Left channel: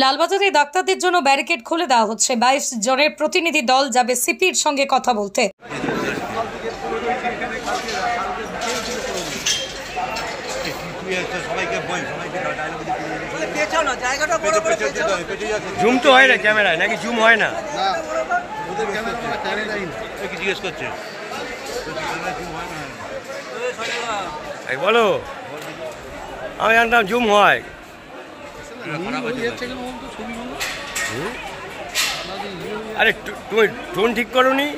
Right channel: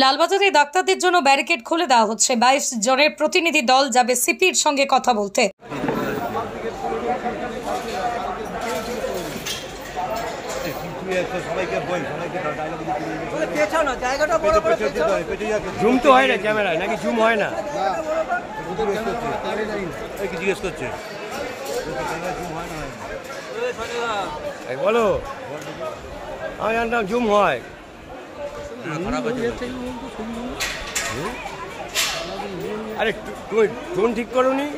লালবাজারে ডাক্তারদের জন্য ব্যারিকেড খুলে দেওয়া হচ্ছে। 22 জনের প্রতিনিধি দল যাবে সিপির সঙ্গে কথা বলতে। জুম তো হয় না ক্যামেরায়, নাকি জুম হয় না? জিজ্ঞেস করছে বলো, আমি জানতাম জুম হয়। আরে তুমি টোন ঠিক করো নি।